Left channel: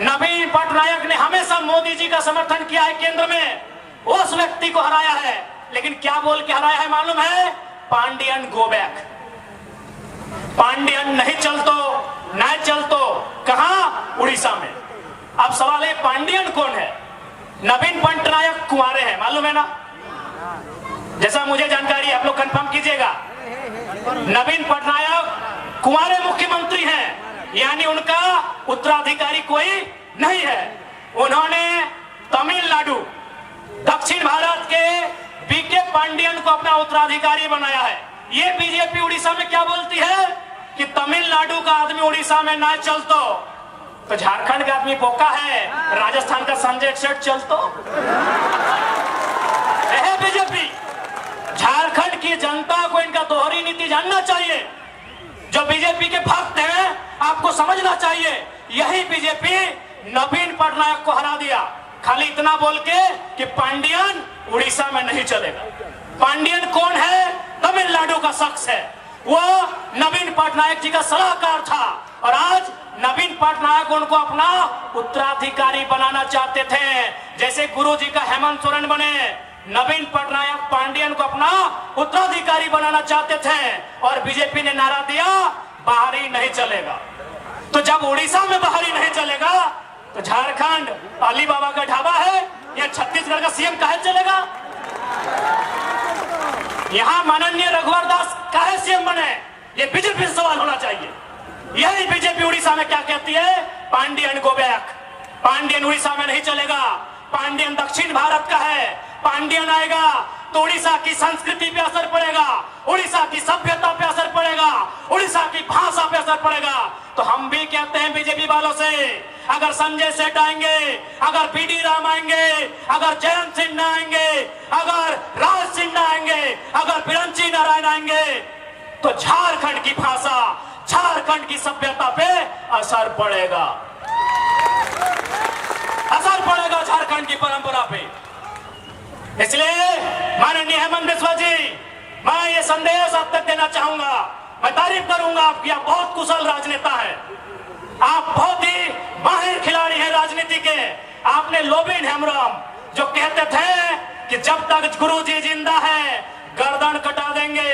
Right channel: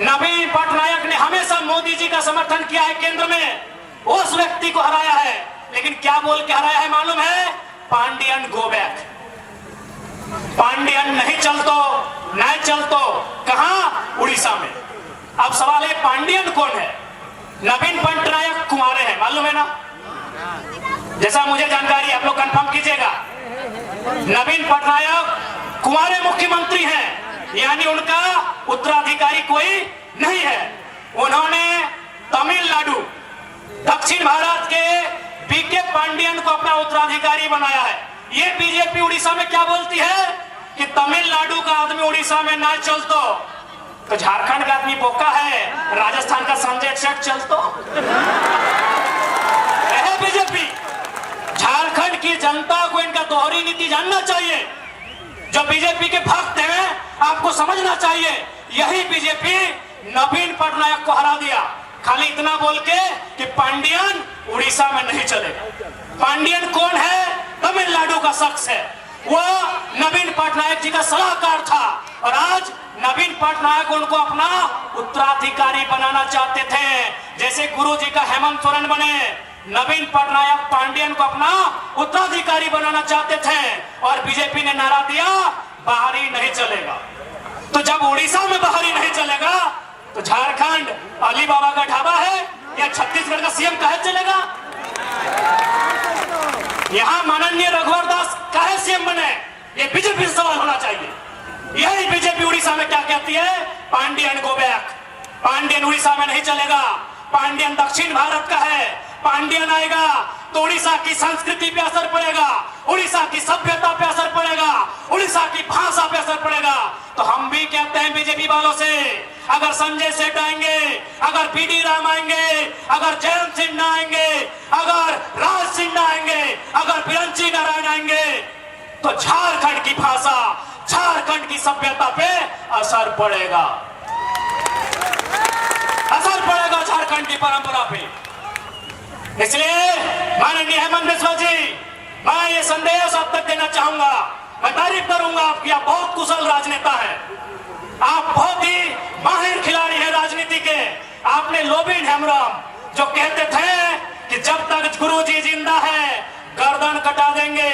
नवीन पटनायक ने हमेशा मोदी जी का समर्थन किया है, केंद्र में उस व्यक्ति को हराया है। लेकिन क्या बोल के हराया है मालूम है? Pandian go back. पांडियन नहीं चलतो, नहीं चलतो। कहां? उड़ीसा में। अब सवाल है पांडियन कौन है? नवीन पटनायक कुंवारे हैं, मालूम है ना? जैसा मुझे जानकारी, आप लोग कंफर्म कीजिएगा। नवीन पटनायक कुंवारे मुख्यमंत्री हैं, यानी उनका उत्तराधिकारी कोई नहीं है। उन्होंने तमिलनाडु, दक्षिण भारत के बीके पांडियन को अपना उत्तराधिकारी बनाया है। ये बीजेपी उड़ीसा में क्या बोलती है कि तमिलनाडु का आदमी उड़ीसा में ना चलतो, तो झारखंड का आदमी बोका है, राजस्थान का संजय सेठ चलतो। बीजेपी, झारखंड की जनता को इनका दोहरी नीति जानना चाहिए। जो बीजेपी के भक्त हैं, आपको समझना चाहिए, यही बीजेपी नवीन पटनायक को हरा दिया, खाली इतना बोल के कि पांडियन उड़ीसा में नहीं चलेगा। पांडियन कौन है? तमिलनाडु का शख्स है। वो नवीन पटनायक जी का सलाहकार था और आज नवीन पटनायक उनको अपना उत्तराधिकारी बनाना चाहते थे। जैसे गुरु जी का हेमंत सोरेन बने, नवीन पटनायक पांडियन को अपना उत्तराधिकारी बनाना चाहते थे और बीजेपी ने नारा दिया बाहरी नहीं चलेगा। तो जब उड़ीसा में बाहरी नहीं चलेगा तो झारखंड अली बाबा का ढाबा है या छत्तीसगढ़ का सीएम काहे चलेगा? यहाँ माननीय रघुवर दास काहे सीएम बने? ये बीजेपी से सवाल होना चाहिए। यही बीजेपी उड़ीसा में क्या कहती है? Pandian go back. पांडियन उड़ीसा में नहीं चलेगा। पांडियन दक्षिण भारत का है। पांडियन आएगा तो उड़ीसा की संस्कृति पे असर पड़ेगा, उड़ीसा की सभ्यता पे असर पड़ेगा, उड़ीसा की भाषा पे असर पड़ेगा। तो हम भी कहते हैं बीजेपी वालों से, अगर संजय सेठ आएंगे, अगर पीडी राम आएंगे, अगर जयंत सिन्हा आएंगे, अगर राज सिन्हा आएंगे, अगर बिरंची नारायण आएंगे, तो झारखंड की भाषा, झारखंड की सभ्यता पे असर पड़ेगा, असर पड़ेगा झारखंड की परंपरा पे। इसलिए माननीय हेमंत बिस्वा जी, मैं ये संदेश आप तक देना चाहूंगा। मैं तारीफ करूंगा आपकी, आप बहुत कुशल राजनेता है, आप बहुत ही माहिर खिलाड़ी हैं राजनीति के। आपने लोबिन हेमराम जो कहते थे कि जब तक गुरु जी जिंदा है गर्दन कटा देंगे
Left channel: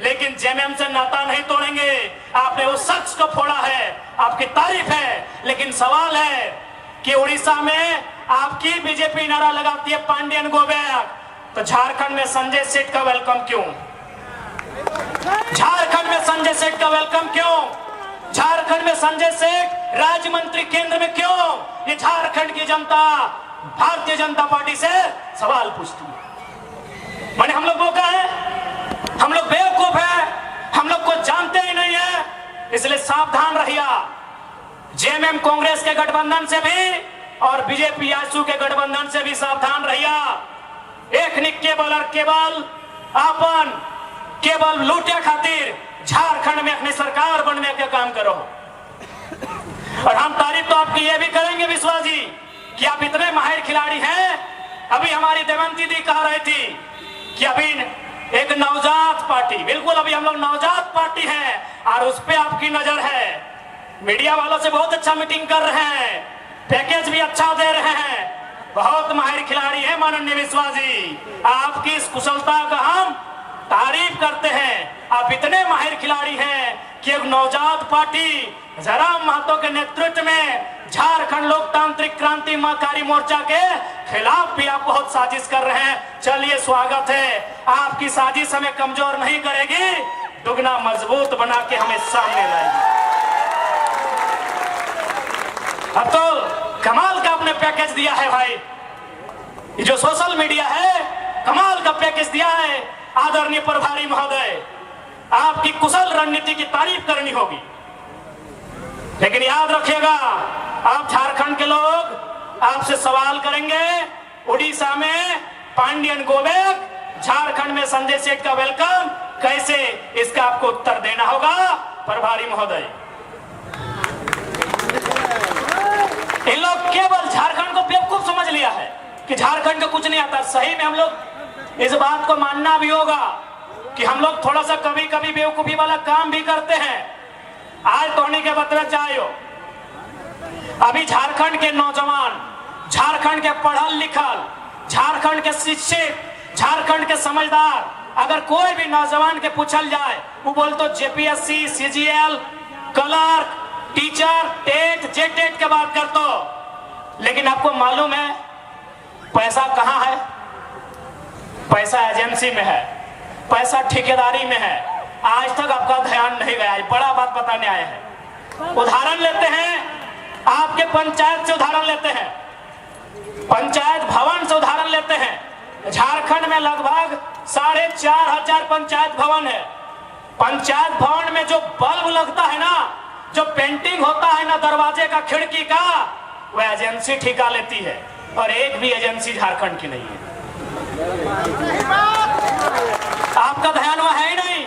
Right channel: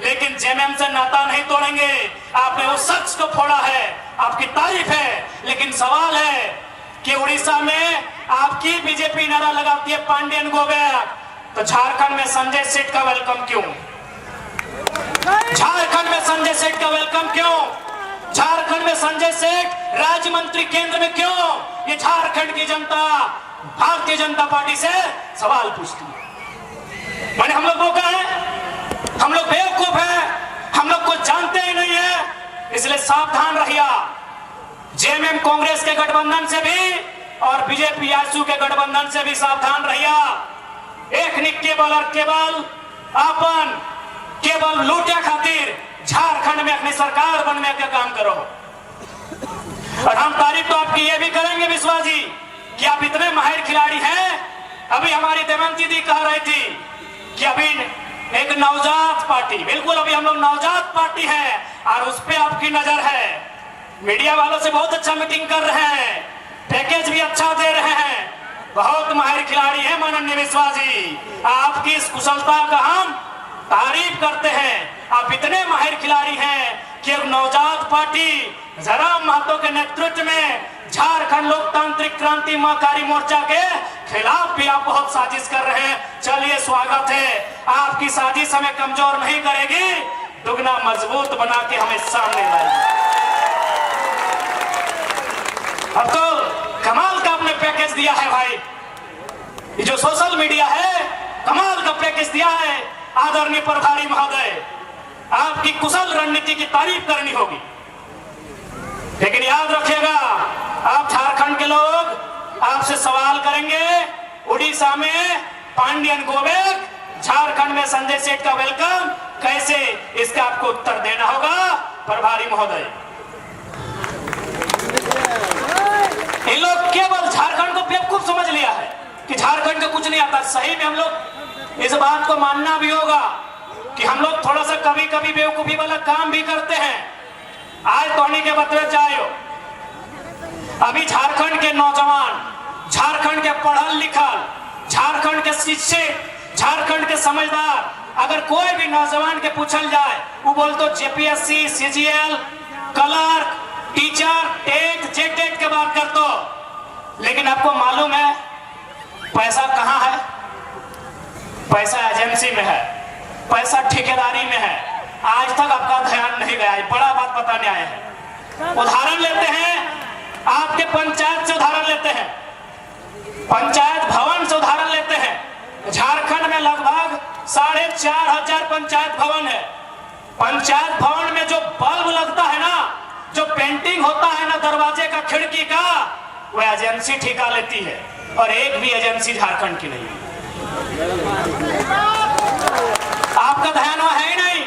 लेकिन जेएमएम से नाता नहीं तोड़ेंगे, आपने उस शख्स को फोड़ा है, आपकी तारीफ है। लेकिन सवाल है कि उड़ीसा में आपकी बीजेपी नारा लगाती है पांडियन गो बैक, तो झारखंड में संजय सेठ का वेलकम क्यों? झारखंड में संजय सेठ का वेलकम क्यों? झारखंड में संजय सेठ राज्य मंत्री केंद्र में क्यों? ये झारखंड की जनता भारतीय जनता पार्टी से सवाल पूछती है। माने हम लोग बोका है, हम लोग बेवकूफ है, हम लोग को जानते ही नहीं है। इसलिए सावधान रहिए। जेएमएम कांग्रेस के गठबंधन से भी और बीजेपी आजसू के गठबंधन से भी सावधान रहिए। एक निक केवल लूटिया खातिर झारखंड में अपनी सरकार बनने का काम करो। और हम तारीफ तो आपकी ये भी करेंगे विश्वास जी कि आप इतने माहिर खिलाड़ी हैं। अभी हमारी देवंती जी कह रही थी कि अभी एक नवजात पार्टी, बिल्कुल अभी हम लोग नवजात पार्टी है और उस पर आपकी नजर है। मीडिया वालों से बहुत अच्छा मीटिंग कर रहे हैं, पैकेज भी अच्छा दे रहे हैं, बहुत माहिर खिलाड़ी है माननीय विश्वास जी। आपकी इस कुशलता का हम तारीफ करते हैं। आप इतने माहिर खिलाड़ी हैं कि एक नवजात पार्टी जयराम महतो के नेतृत्व में झारखंड लोकतांत्रिक क्रांतिकारी मोर्चा के खिलाफ भी आप बहुत साजिश कर रहे हैं। चलिए स्वागत है, आपकी साजिश हमें कमजोर नहीं करेगी, दुगना मजबूत बना के हमें सामने लाएगी। अब तो कमाल का आपने पैकेज दिया है भाई, ये जो सोशल मीडिया है कमाल का पैकेज दिया है। आदरणीय प्रभारी महोदय, आपकी कुशल रणनीति की तारीफ करनी होगी, लेकिन याद रखिएगा आप झारखंड के लोग आपसे सवाल करेंगे उड़ीसा में पांडियन गो बैक, झारखंड में संजय सेठ का वेलकम कैसे, इसका आपको उत्तर देना होगा प्रभारी महोदय। इन लोग केवल झारखंड को बेवकूफ समझ लिया है कि झारखंड को कुछ नहीं आता। सही में हम लोग इस बात को मानना भी होगा कि हम लोग थोड़ा सा कभी कभी बेवकूफी वाला काम भी करते हैं। आज तोड़ने के बदले जायो अभी झारखंड के नौजवान, झारखंड के पढ़ल लिखल, झारखंड के शिक्षित, झारखंड के समझदार, अगर कोई भी नौजवान के पूछल जाए वो बोलते JPSC, CGL, clerk, teacher, TET, JTET की बात करते। लेकिन आपको मालूम है पैसा कहां है? पैसा एजेंसी में है, पैसा ठेकेदारी में है। आज तक आपका ध्यान नहीं गया, बड़ा बात बताने आए हैं। उदाहरण लेते हैं, आपके पंचायत से उदाहरण लेते हैं, पंचायत भवन से उदाहरण लेते हैं। झारखंड में लगभग 4,500 पंचायत भवन है। पंचायत भवन में जो बल्ब लगता है ना, जो पेंटिंग होता है ना दरवाजे का, खिड़की का, वो एजेंसी ठेका लेती है। और एक भी एजेंसी झारखंड की नहीं है। आपका ध्यान वहां है ही नहीं।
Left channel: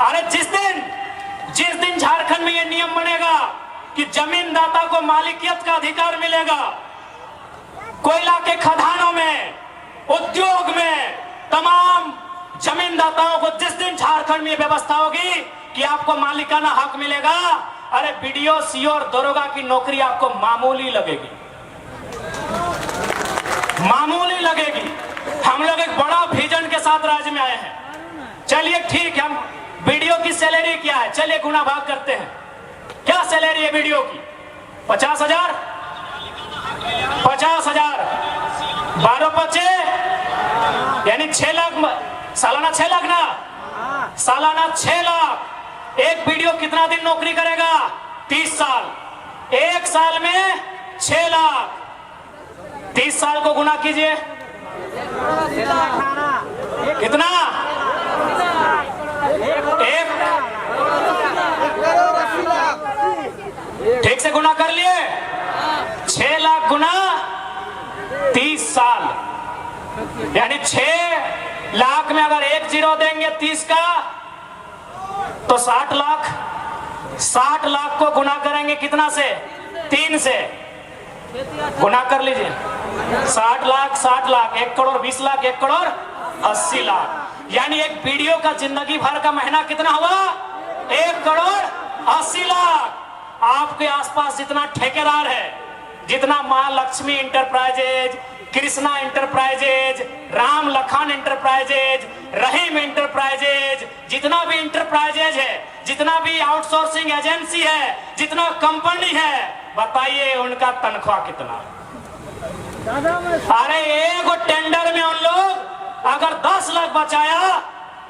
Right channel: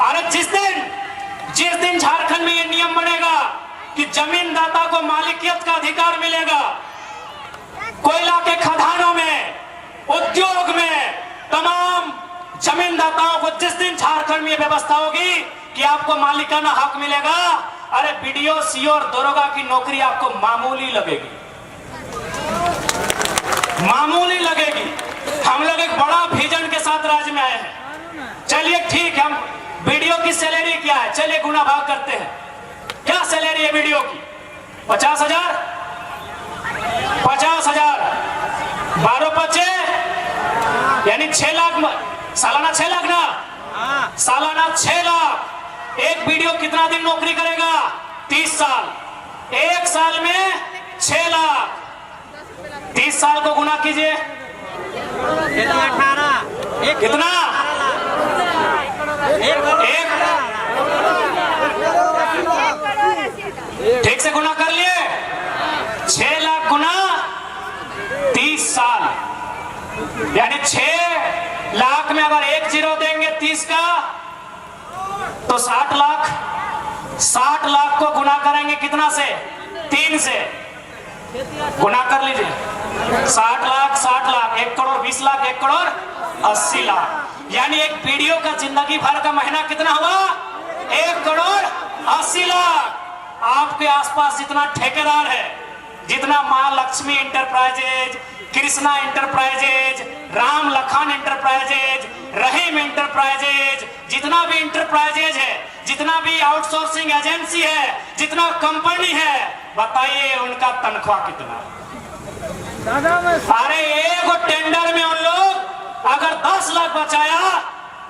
अरे जिस दिन झारखंड में ये नियम बनेगा कि जमीनदाता को मालिकियत का अधिकार मिलेगा, कोयला के खदानों में, उद्योग में, तमाम जमीनदाताओं को जिस दिन झारखंड में व्यवस्था होगी कि आपको मालिकाना हक मिलेगा, अरे बीडीओ, सीओ और दरोगा की नौकरी आपको मामूली लगेगी, मामूली लगेगी। हम लोग एक बड़ा विजन के साथ राज्य में आए हैं। चलिए ठीक है, हम बीडीओ की सैलरी क्या है, चलिए गुना भाग करते हैं। क्या सैलरी है बीडीओ की? 50,000, 50,000, 12/5 यानी 6 लाख, सालाना 6 लाख ना, सालाना 6 लाख। एक बीडीओ कितना दिन नौकरी करेगा? 30 साल। एक साल में 6 लाख, 30 साल को गुना कीजिए, कितना? ठीक से गुना कर लिए, 6 लाख गुना 30 साल, यानी 6 लाख में अगर 1 जीरो देंगे 30 का तो 60 लाख। 60 लाख को गुना करेंगे कितना से? 3 से। गुना कर लीजिए, 60 लाख, 60 लाख, 1 करोड़ 20 लाख, 1 करोड़ 80 लाख। यानी एक बीडीओ का जिंदगी भर का महीना कितना हुआ? 1 करोड़ 80 लाख। आपके आसपास जितना ठेकेदार है, जितना Maa Lakshmi Enterprises, Krishna Enterprises, Ram Lakhan Enterprises, Rahim Enterprises, जितना भी इंटरप्राइजेज है, जितना भी आउटसोर्सिंग एजेंसी है, जितना कंपनी है, बताइए उनका तनख्वाह कितना? अरे एक टेंडर में उन लोग अगर 10 लाख बचाया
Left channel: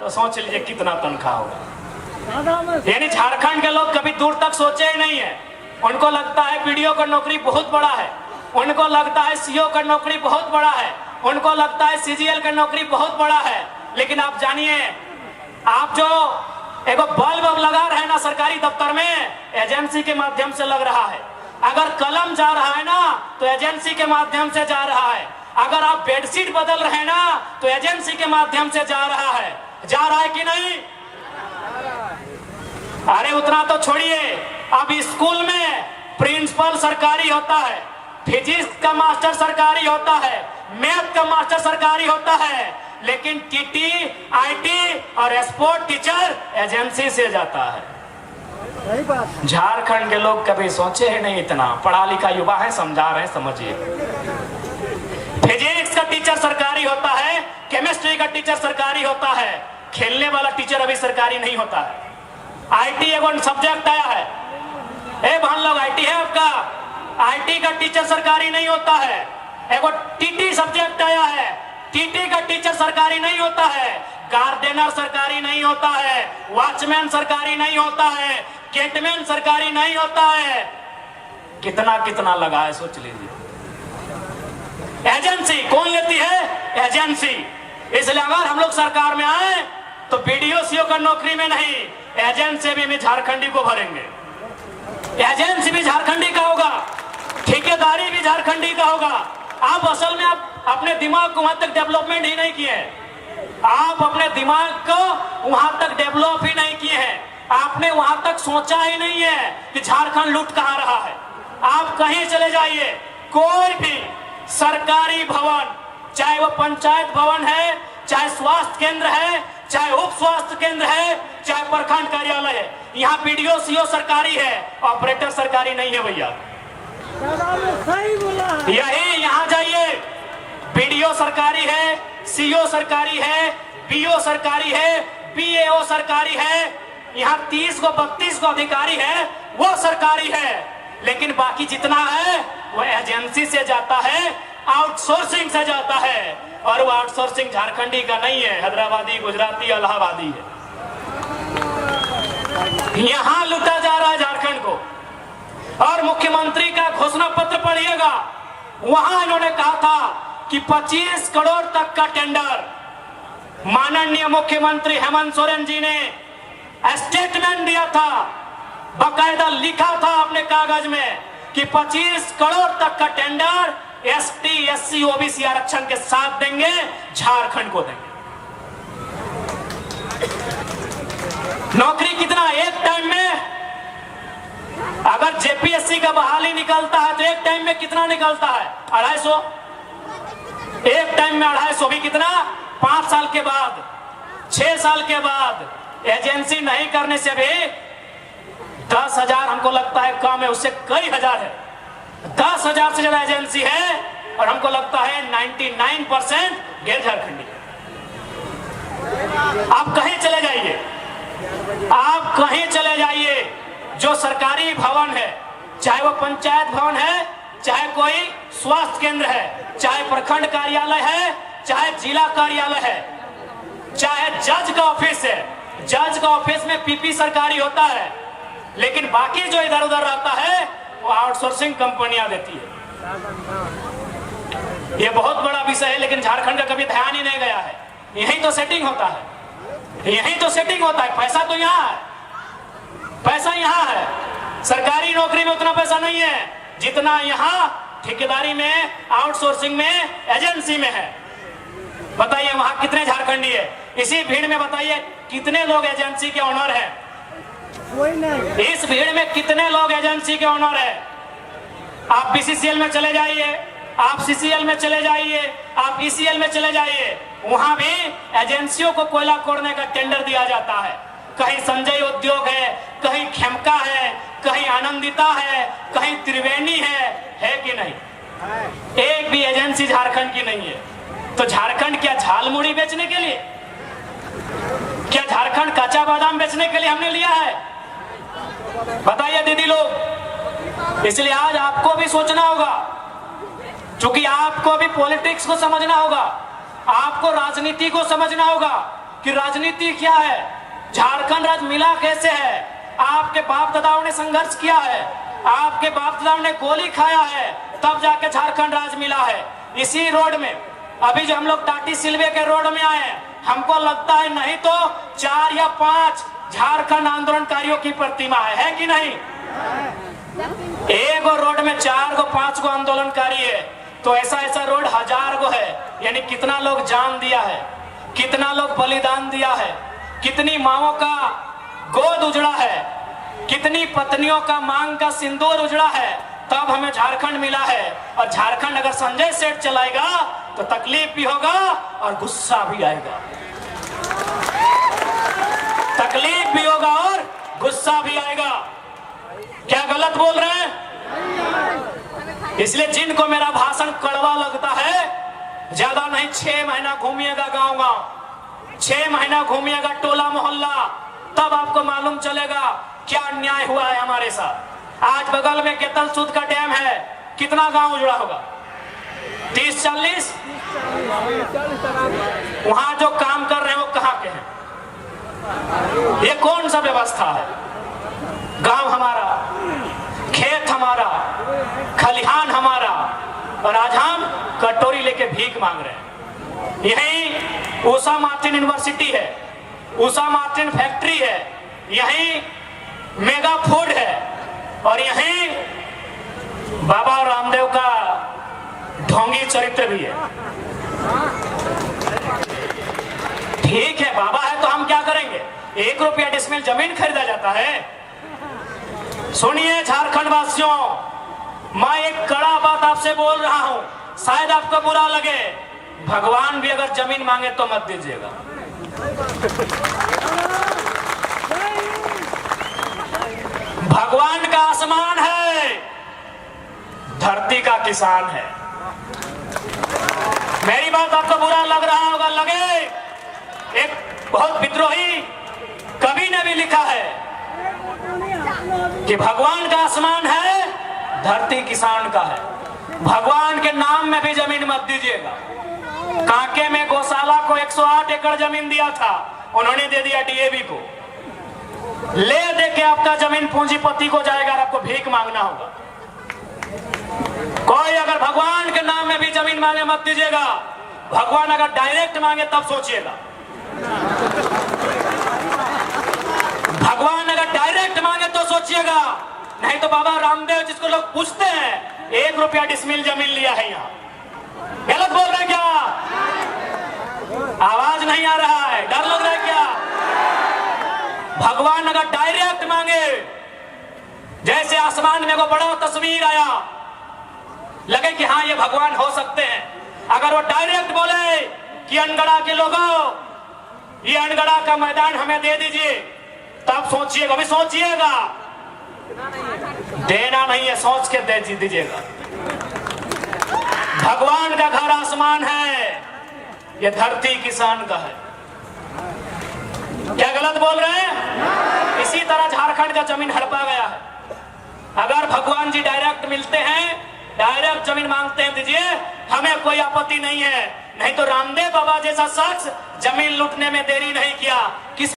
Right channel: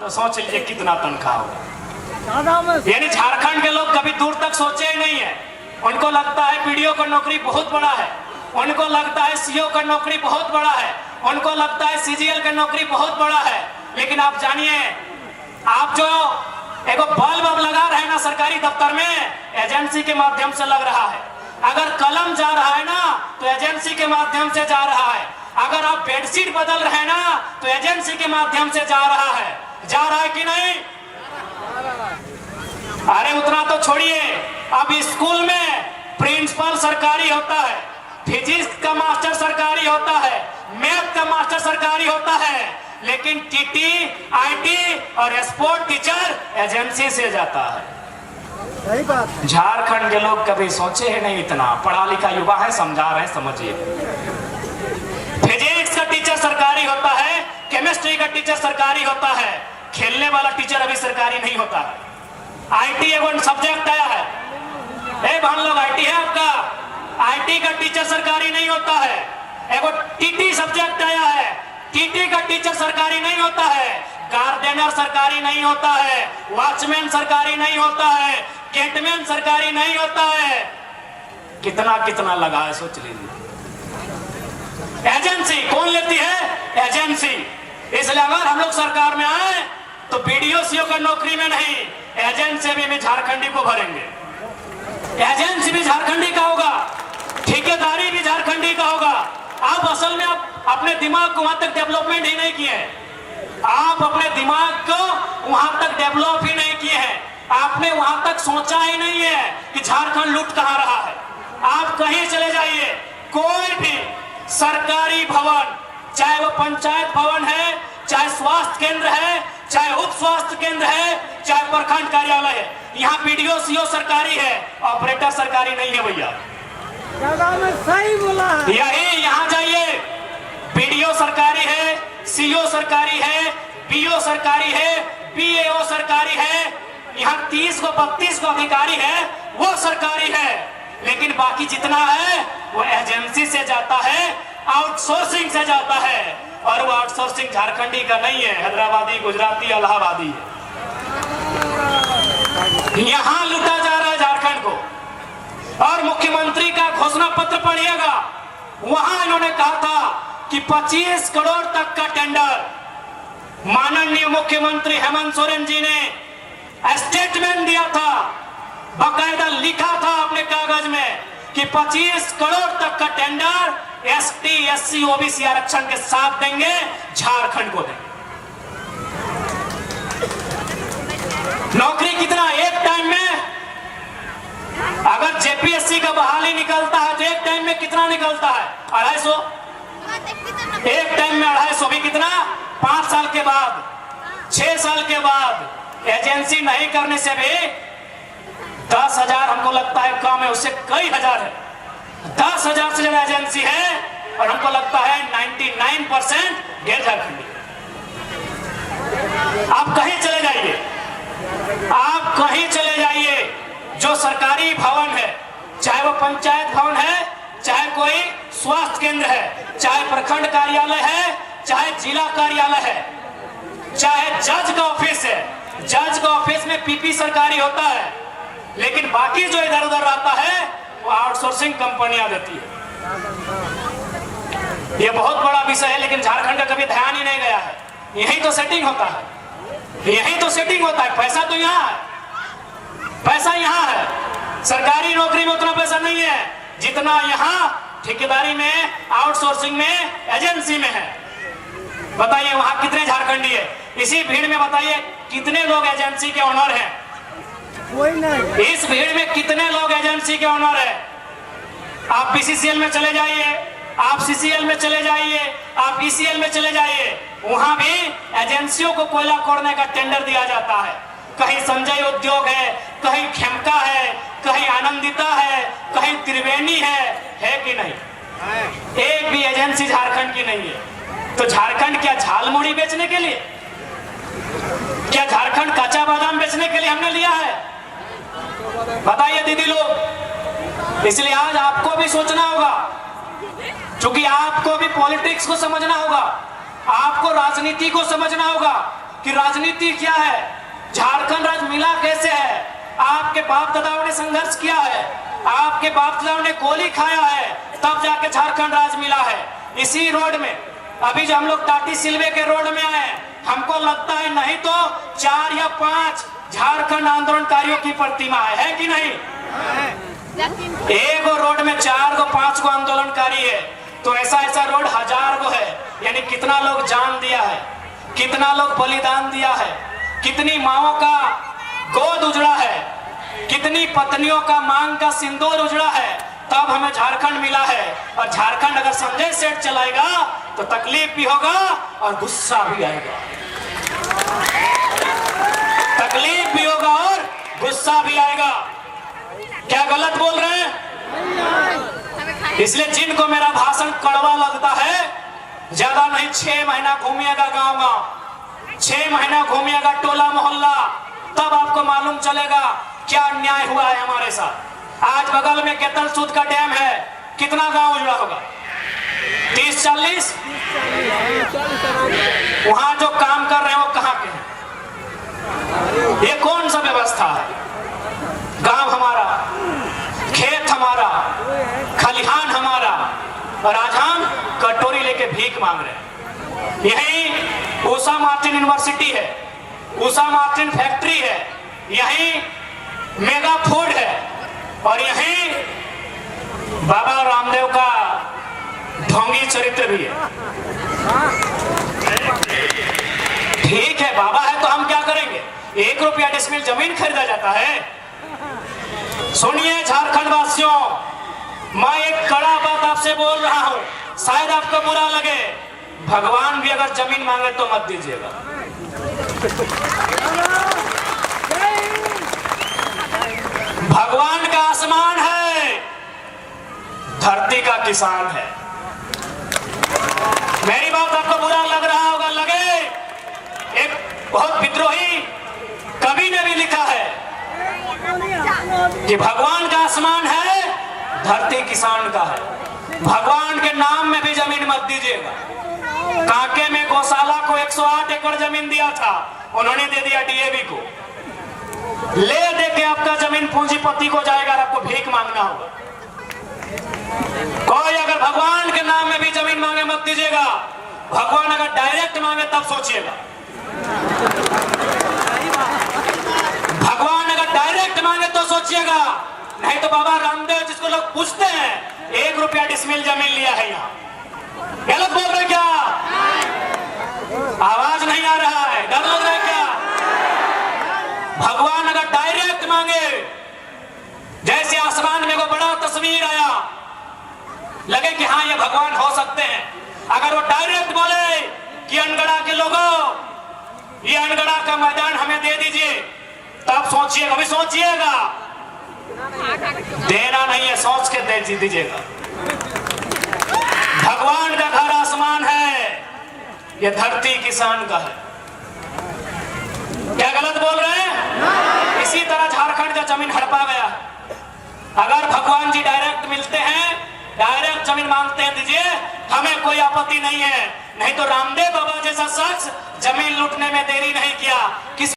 तो सोच लीजिए कितना तनख्वाह होगा। यानी झारखंड के लोग कभी दूर तक सोचे ही नहीं है। उनको लगता है बीडीओ का नौकरी बहुत बड़ा है, उनको लगता है सीओ का नौकरी बहुत बड़ा है, उनको लगता है सीजीएल का नौकरी बहुत बड़ा है। लेकिन आप जानिए, आप जो एक बल्ब लगा रहे हैं ना सरकारी दफ्तर में, एजेंसी के माध्यम से लग रहा है। अगर कलम जा रहा है ना तो एजेंसी के माध्यम से जा रहा है। अगर आप बेडशीट बदल रहे हैं ना तो एजेंसी के माध्यम से जा रहा है। जा रहा है कि नहीं? अरे उतना तो छोड़िए, अब स्कूल में प्रिंसिपल सरकारी होता है, फिजिक्स का मास्टर सरकारी होता है, मैथ का मास्टर सरकारी होता है, लेकिन टीटी, आईटी और स्पोर्ट टीचर एजेंसी से जाता है। सही बात। झारखंड के लोग कभी सोचे ही नहीं इतना। पढ़ा लिखा युवा है, समझा रहे हैं, समझिए। फिजिक्स का टीचर सरकारी होता है, केमिस्ट्री का टीचर सरकारी होता है, खेलने वाला टीचर अभी सरकारी नहीं होता है। आईटी एवं सब्जेक्ट आया है, बहन लोग आईटी है आपका, आईटी का टीचर सरकारी नहीं होता है। एगो टीटी सब्जेक्ट आया है, टीटी का टीचर सरकारी नहीं होता है, गार्डनर सरकारी नहीं होता है, वॉचमैन सरकारी नहीं होता है, गेटमैन सरकारी नहीं होता है। कितना कितना लगा है सोच लीजिए। एजेंसी कौन लेती है? एजेंसी। इसलिए अगर हम लोग सरकार में आए तो बीडीओ सीओ का नौकरी में नहीं, एजेंसी में भी झारखंडी को भरेंगे। एजेंसी भी झारखंडी का होगा, ठेकेदारी भी झारखंडी का होगा। आप असल में आप अपने दिमाग को वहां तक डेवलपमेंट ही नहीं किए हैं। आप अपने दिमाग को वहां तक डेवलप ही नहीं किए हैं। आपने वहां तक सोचा ही नहीं है कि झारखंड लूट कहां रहा है। आप कहीं चले जाइए, कोई भी सरकारी भवन, चाहे वो पंचायत भवन है, चाहे स्वास्थ्य केंद्र है, चाहे उप स्वास्थ्य केंद्र है, चाहे प्रखंड कार्यालय है, यहाँ बीडीओ सीओ सरकारी है, ऑपरेटर सरकारी नहीं है भैया। सही बोला। यही यहाँ जाइए, बीडीओ सरकारी है, सीओ सरकारी है, बीओ सरकारी है, बीएओ सरकारी है, यहाँ 30 को 32 को अधिकारी है, वो सरकारी है। लेकिन बाकी जितना है वो एजेंसी से जाता है, आउटसोर्सिंग से जाता है, और वो आउटसोर्सिंग झारखंडी का नहीं है, हैदराबादी, गुजराती, इलाहाबादी है। यहाँ लूटा जा रहा है झारखंड को। और मुख्यमंत्री का घोषणा पत्र पढ़िएगा, वहां इन्होंने कहा था कि 25 करोड़ तक का टेंडर। माननीय मुख्यमंत्री हेमंत सोरेन जी ने स्टेटमेंट दिया था, बाकायदा लिखा था अपने कागज में कि 25 करोड़ तक का टेंडर एसटी, एससी, ओबीसी आरक्षण के साथ देंगे, झारखंड को देंगे। नौकरी कितना एक टाइम में, अगर जेपीएससी का बहाली निकलता है तो एक टाइम में कितना निकलता है? 250। एक टाइम में 250 भी कितना? 5 साल के बाद, 6 साल के बाद एजेंसी नहीं करने से भी 10,000 हमको लगता है कम है, उससे कई हजार है। 10,000 से ज्यादा एजेंसी है, और हमको लगता है 99% गैर झारखंडी। आप कहीं चले जाइए, आप कहीं चले जाइए, जो सरकारी भवन है, चाहे वो पंचायत भवन है, चाहे कोई स्वास्थ्य केंद्र है, चाहे प्रखंड कार्यालय है, चाहे जिला कार्यालय है, चाहे जज का ऑफिस है, जज का ऑफिस में पीपी सरकारी होता है, लेकिन बाकी जो इधर उधर रहता है वो आउटसोर्सिंग कंपनियां देती है। ये बहुत बड़ा विषय है, लेकिन झारखंड का कभी ध्यान ही नहीं गया है। यही तो सेटिंग होता है, यही तो सेटिंग होता है। पैसा तो यहाँ है, पैसा यहाँ है। सरकारी नौकरी में उतना पैसा नहीं है जितना यहाँ ठेकेदारी में, आउटसोर्सिंग में, एजेंसी में है। बताइए वहां कितने झारखंडी है? इसी भीड़ में बताइए कितने लोग एजेंसी के ओनर हैं? कोई नहीं। इस भीड़ में कितने लोग एजेंसी के ओनर है? आप बीसीसीएल में चले जाइए, आप सीसीएल में चले जाइए, आप ईसीएल में चले जाइए, वहां भी एजेंसियों को कोयला खोदने का टेंडर दिया जाता है। कहीं संजय उद्योग है, कहीं खेमका है, कहीं आनंदिता है, कहीं त्रिवेणी है कि नहीं? एक भी एजेंसी झारखंड की नहीं है। तो झारखंड क्या झालमुड़ी बेचने के लिए, क्या झारखंड कच्चा बादाम बेचने के लिए हमने लिया है? बताइए दीदी लोग। इसलिए आज आपको भी सोचना होगा, क्योंकि आपको भी पॉलिटिक्स को समझना होगा, आपको राजनीति को समझना होगा कि राजनीति क्या है, झारखंड राज्य मिला कैसे है। आपके बाप दादाओं ने संघर्ष किया है, आपके बाप दादाओं ने गोली खाया है, तब जाके झारखंड राज्य मिला है। इसी रोड में अभी जो हम लोग टाटी सिलवे के रोड में आए हैं, हमको लगता है नहीं तो 4 या 5 झारखंड आंदोलनकारियों की प्रतिमा है कि नहीं? एक रोड में 4 को 5 को आंदोलनकारी है, तो ऐसा ऐसा रोड 1000 को है। यानी कितना लोग जान दिया है, कितना लोग बलिदान दिया है, कितनी माओं का गोद उजड़ा है, कितनी पत्नियों का मांग का सिंदूर उजड़ा है, तब हमें झारखंड मिला है। और झारखंड अगर संजय सेठ चलाएगा तो तकलीफ भी होगा और गुस्सा भी आएगा, तकलीफ भी होगा और गुस्सा भी आएगा। क्या गलत बोल रहे हैं? इसलिए जिनको मेरा भाषण कड़वा लगता है, ज्यादा नहीं 6 महीना घूमिएगा गांव गांव, 6 महीना घूमिएगा टोला मोहल्ला, तब आपको मालूम चलेगा क्या अन्याय हुआ है हमारे साथ। आज बगल में केतन सूद का डैम है, कितना गांव उजड़ा होगा? 30-40। वहां जो काम कर रहे हैं वो कहां के हैं? ये कौन सा व्यवस्था है? गांव हमारा, खेत हमारा, खलिहान हमारा, और आज हम कटोरी लेके भीख मांग रहे हैं। यही उषा मार्टिन यूनिवर्सिटी है, उषा मार्टिन फैक्ट्री है, यही मेगा फूड है, और यही बाबा रामदेव का ढोंगी चरित्र भी है। ठीक है, बाबा है तो हम क्या करेंगे? 1 रुपया डिसमिल जमीन खरीदा जाता है? सुनिए झारखंड वासियों, मैं एक कड़ा बात आपसे बोल रहा हूं, शायद आपको बुरा लगे, भगवान भी अगर जमीन मांगे तो मत दीजिएगा। भगवान का आसमान है, धरती का किसान है। मेरी बात आपको बुरा लग रहा होगा, लगे, एक बहुत विद्रोही कवि ने भी लिखा है कि भगवान का आसमान है, धरती किसान का है। भगवान के नाम में भी जमीन मत दीजिएगा। कांके में गौशाला को 108 एकड़ जमीन दिया था, उन्होंने दे दिया डीएवी को। ले दे के आपका जमीन पूंजीपति को जाएगा और आपको भीख मांगना होगा। कोई अगर भगवान के नाम में भी जमीन मांगे मत दीजिएगा। भगवान अगर डायरेक्ट मांगे तब सोचिएगा। भगवान अगर डायरेक्ट मांगे तो सोचिएगा, नहीं तो बाबा रामदेव जिसको लोग पूछते हैं 1 रुपया डिसमिल जमीन लिया है, यहाँ गलत बोल रहे क्या? आवाज नहीं आ रहा है, डर लग रहा है क्या? भगवान अगर डायरेक्ट मांगे, जैसे आसमान में को बड़ा तस्वीर आया, लगे कि हाँ ये भगवान हो सकते हैं, अगर वो डायरेक्ट बोले कि अनगढ़ा के लोगों ये अनगढ़ा का मैदान हमें दे दीजिए, तब सोचिएगा, अभी सोचिएगा, देना नहीं है, सोच के दे दीजिएगा। भगवान का घर आसमान है, ये धरती किसान का है। क्या गलत बोल रहे हैं? इसी तरह झारखंड का जमीन हड़पा गया है। अगर भगवान जी डायरेक्ट मिलते हैं, डायरेक्ट जमीन मांगते हैं, दीजिए, हमें कोई आपत्ति नहीं है। नहीं तो रामदेव बाबा जैसा शख्स जमीन लूटने में देरी नहीं किया। किस